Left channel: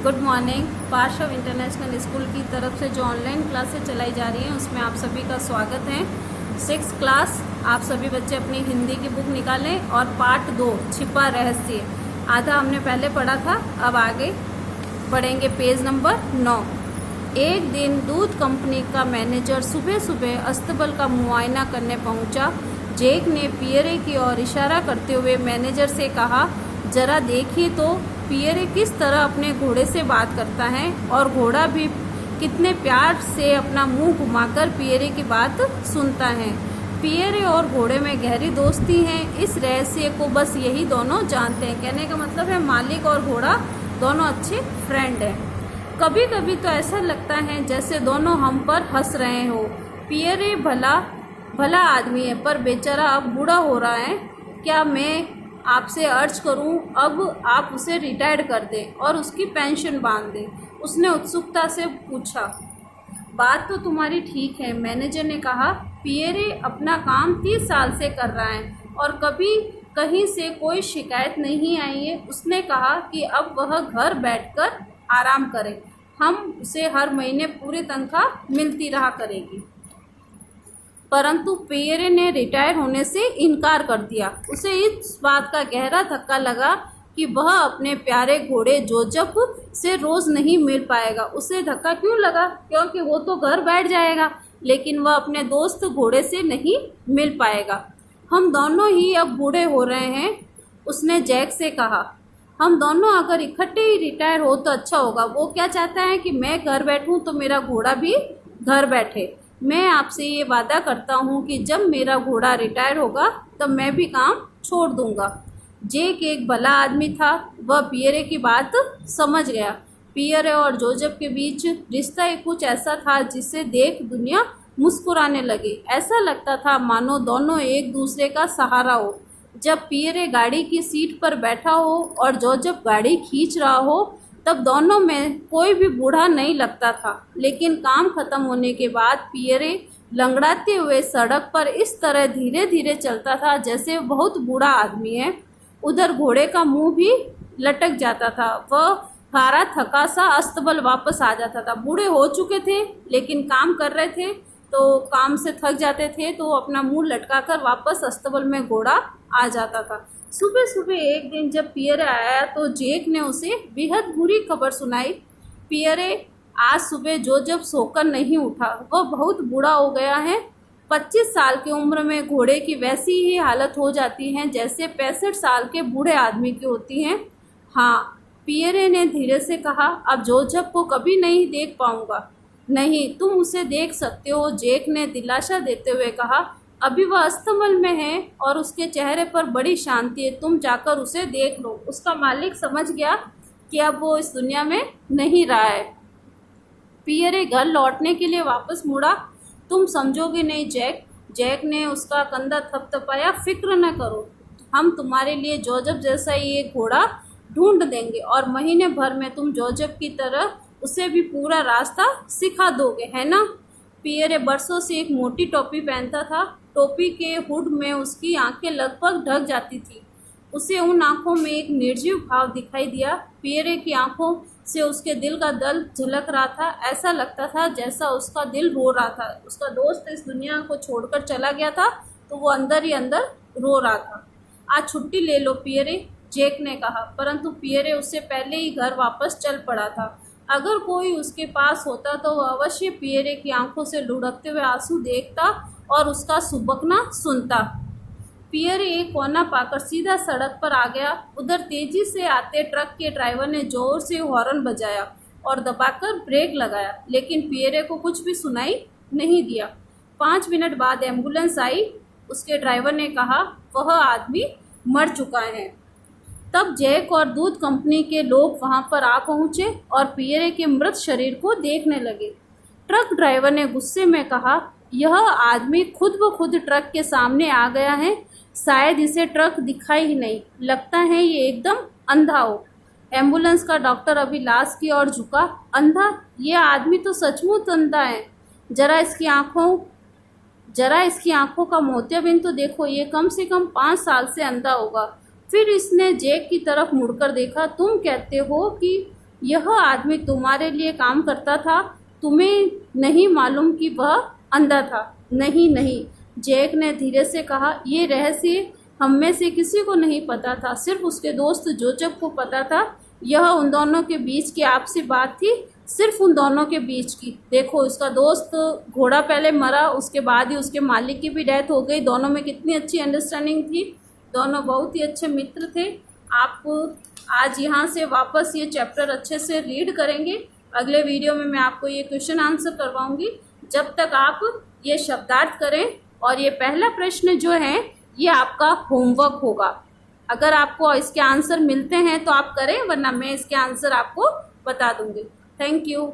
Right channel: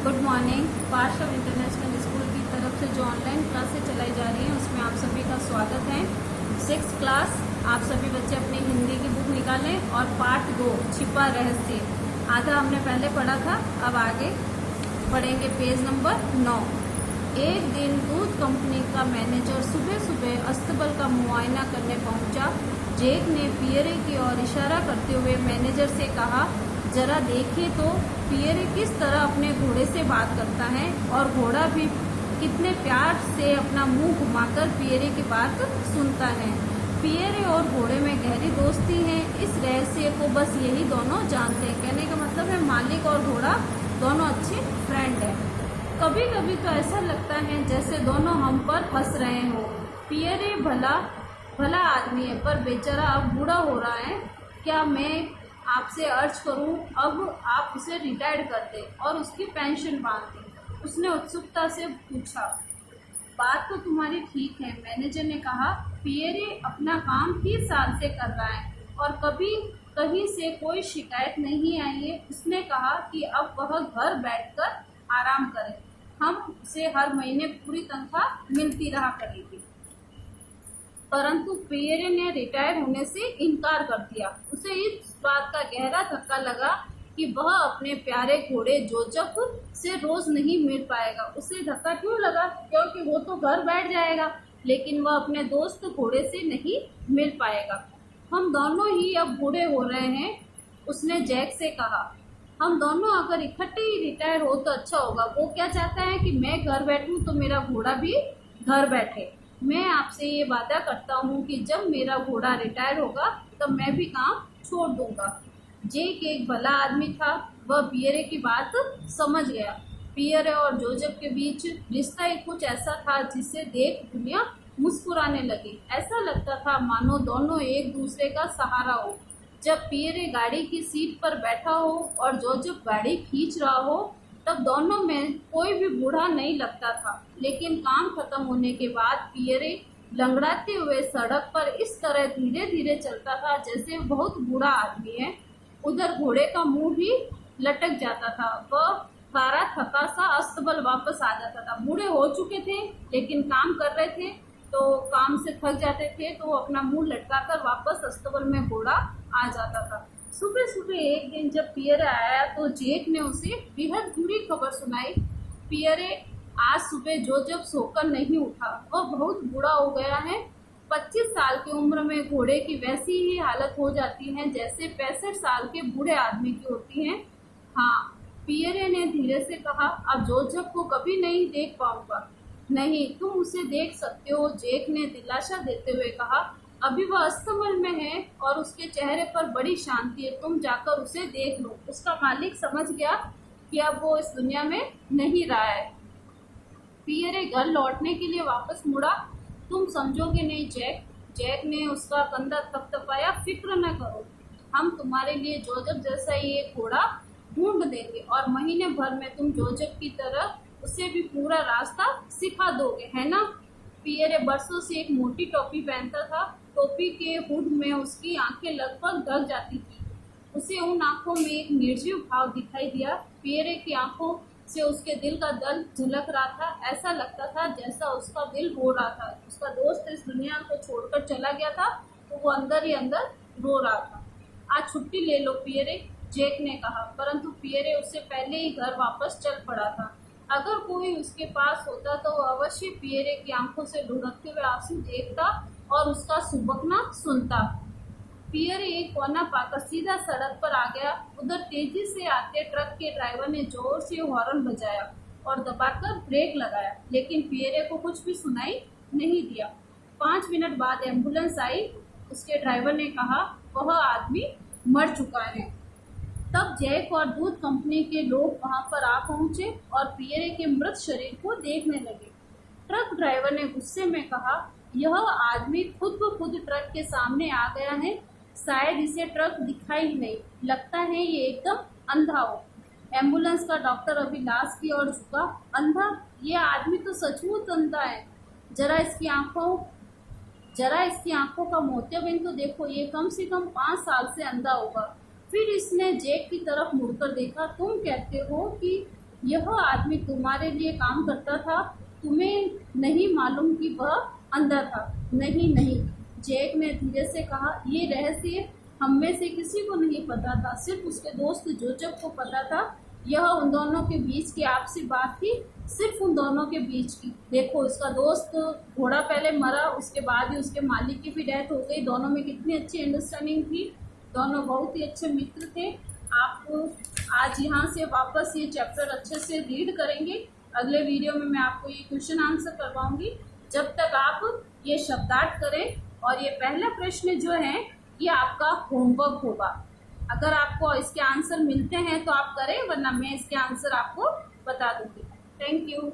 Good morning. पार्श्व international school की तरफ से जो ऑनलाइन क्लासेस चलाई जा रही हैं उसमें आप सभी का स्वागत है। 6th क्लास आप सभी बच्चे अपनी हिंदी की बुक निकालें और पार्ट 2 छिपा रहस्य आधा हमने पहले पढ़ा था, अब आगे पढ़ेंगे पेज नंबर 9। एक दिन दूध कंपनी का मैनेजर सुबह सुबह अस्तबल का मुआयना करने पहुंचा। जेक ने पियरे की ओर इशारा करते हुए मैनेजर से कहा, जरा देखिए तो पियरे किस तरह अपने घोड़े से बात करता है और घोड़ा भी कितने प्यार से अपना मुंह घुमाकर पियरे की बात सुनता है। पियरे और घोड़े में गहरी दोस्ती है। इस रहस्य को बस यही दोनों जानते हैं। कहने का मतलब है मालिक और घोड़ा दोनों अच्छे फ्रेंड हैं। कभी कभी तो ऐसा लगता है जैसे दोनों हम पर हंस रहे हो। पियरे भला आदमी है, पर बेचारा अब बूढ़ा हो रहा है। क्या मैं आपसे अर्ज करूं, अब आप उसे रिटायर कर दें और उसकी पेंशन बांध दें। उसने उत्सुकता से पूछा। बात तो तुम्हारी ठीक है, मैनेजर ने कहा। पियरे अपना काम 30 साल से कर रहा है और कभी कहीं से कोई शिकायत नहीं आई है। उसने कहा कि अब वह घर बैठकर आराम करे, हम उसे हर महीने पूरी तनख्वाह मिलती रहा करेगी। परंतु पियरे ने रिटायर होने से इनकार कर दिया। उसे इस बात का गहरा धक्का लगा कि वह अपने प्यारे घोड़े जोजफ से रोज नहीं मिल पाएगा। उसे धक्का क्यों लगा? क्योंकि वो तो घर बैठ जाएगा, लेकिन वह अपने दोस्त घोड़े से नहीं मिल पाएगा। हम दोनों ही अब बूढ़े हो रहे हैं, उसने जैक से कहा। हम दोनों अगर इकट्ठे ही रिटायर हो तो अच्छा होगा। वो क्या चाहता है कि मैं घर बैठूं तो मेरा घोड़ा भी घर बैठे। मैं आपसे ये वादा करता हूँ कि जब मेरा घोड़ा रिटायर होगा तब मैं भी काम छोड़ दूंगा। जेक एक भला आदमी था, वह पियरे की बात समझ गया। पियरे और जोजफ के बीच रिश्ता एक कुछ ऐसा था जिसे देख दुनिया मुस्कुराने लगी। ऐसा लगता था मानो दोनों एक दूसरे का सहारा हो। जब पियरे गाड़ी की सीट पर बैठा हो और जोजफ गाड़ी खींच रहा हो तब दोनों में कोई भी बूढ़ा नहीं लगता था। लेकिन काम खत्म होने के बाद पियरे लंगड़ाते हुए सड़क पर इस तरह धीरे धीरे चलता था जैसे बहुत बूढ़ा आदमी है। उधर घोड़े का मुंह भी लटक जाता था। वह हारा थका सा अस्तबल वापस आ जाता था। बूढ़े हो चुके थे लेकिन काम कर रहे थे, तो काम से थक जाते थे तो अपना मुंह लटकाकर वापस अस्तबल में घोड़ा आ जाता था। सुबह सुबह एक दिन जब पियरे आया तो जेक ने उसे बेहद बुरी खबर सुनाई। पियरे, आज सुबह जोजफ सोकर नहीं उठा, वह बहुत बूढ़ा हो गया है। 25 साल की उम्र में घोड़े की वैसी ही हालत हो जाती है जैसे 65 साल के बूढ़े आदमी की होती है। हाँ, पियरे ने धीरे से कहा, अब जोजफ को कभी नहीं देख पाऊंगा। नहीं, तुम उसे देख सकते हो, जेक ने दिलासा देते हुए कहा। अभी वह अस्तबल में है और उसके चेहरे पर बड़ी शांति है। तुम जाकर उसे देख लो। उसका मालिक समझ गया कि अब वो इस दुनिया में नहीं रहा है। पियरे घर लौटने के लिए वापस मुड़ा। तुम समझोगे नहीं जैक, जैक ने उसका कंधा थपथपाया। फिक्र न करो, हम तुम्हारे लिए जोजफ जैसा ही एक घोड़ा ढूंढ देंगे और महीने भर में तुम जोजफ की तरह उसे भी पूरा रास्ता सिखा दोगे, है ना? पियरे बरसों से एक मोटी टोपी पहनता था। टोपी के हुड में उसकी आंखें लगभग ढक जाती थी। उसे उन आंखों में एक निर्जीव भाव दिखाई दिया। पियरे की आंखों से उसके दिल का दर्द झलक रहा था। ऐसा लगता था जैसा उसका दिल रो रहा था। उसका दोस्त इस दुनिया को छोड़कर चला गया था तो वो अंदर ही अंदर रो रहा था। आज छुट्टी ले लो पियरे, जेक ने कहा। परंतु पियरे उससे पहले ही घर वापस चल पड़ा था। अगर कोई उसके पास होता तो वह अवश्य पियरे की आंखों से लुढ़कते हुए आंसू देखता और उसका सुबकना सुनता। पियरे एक कोना पाकर सीधा सड़क पर आ गया। उधर तेजी से आते ट्रक के ड्राइवर ने जोर से हॉर्न बजाया और दबाकर ब्रेक लगाया, लेकिन पियरे को कुछ भी सुनाई नहीं दिया। 5 मिनट बाद एम्बुलेंस आई। उसके ड्राइवर ने कहा, वह आदमी मर चुका है। तब जैक और दूध कंपनी के लोग वहां पर आ पहुंचे और पियरे के मृत शरीर को देखने लगे। ट्रक ड्राइवर ने गुस्से में कहा, यह आदमी खुद ब खुद ट्रक के सामने आ गया है। शायद इसे ट्रक दिखाई ही नहीं, लगता है ये एकदम अंधा हो। एम्बुलेंस का डॉक्टर अभी लाश की ओर झुका। अंधा? ये आदमी तो सचमुच अंधा है। जरा इसकी आंखों का मोतियाबिंद तो देखो, ये कम से कम 5 साल से अंधा होगा। फिर इसने जैक की तरफ मुड़कर देखा। तुम कहते हो कि यह आदमी तुम्हारे लिए काम करता था, तुम्हें नहीं मालूम कि वह अंधा था। नहीं नहीं, जैक ने धीरे से कहा, ये रहस्य हम में से किसी को नहीं पता था, सिर्फ उसके दोस्त जोचक को पता था। यह उन दोनों के बीच की आपसी बात थी, सिर्फ उन दोनों के बीच की। देखो, उसका दोस्त घोड़ा पहले मरा, उसके बाद ही उसके मालिक की भी डेथ हो गई। दोनों में कितनी अच्छी अंडरस्टैंडिंग थी, दोनों बहुत ही अच्छे मित्र थे। आप आज यहाँ से वापस ये चैप्टर अच्छे से रीड करेंगे। अगले वीडियो में मैं आपको ये क्वेश्चन आंसर करवाऊंगी। जब तक आप ये शब्दार्थ करें, और ये पहला प्रश्न जो है ये आपका होमवर्क होगा। अगर आपको इसके आंसर मिलते हैं तो आप करें, वरना मैं इसके आंसर आपको बता दूंगी। Thank you.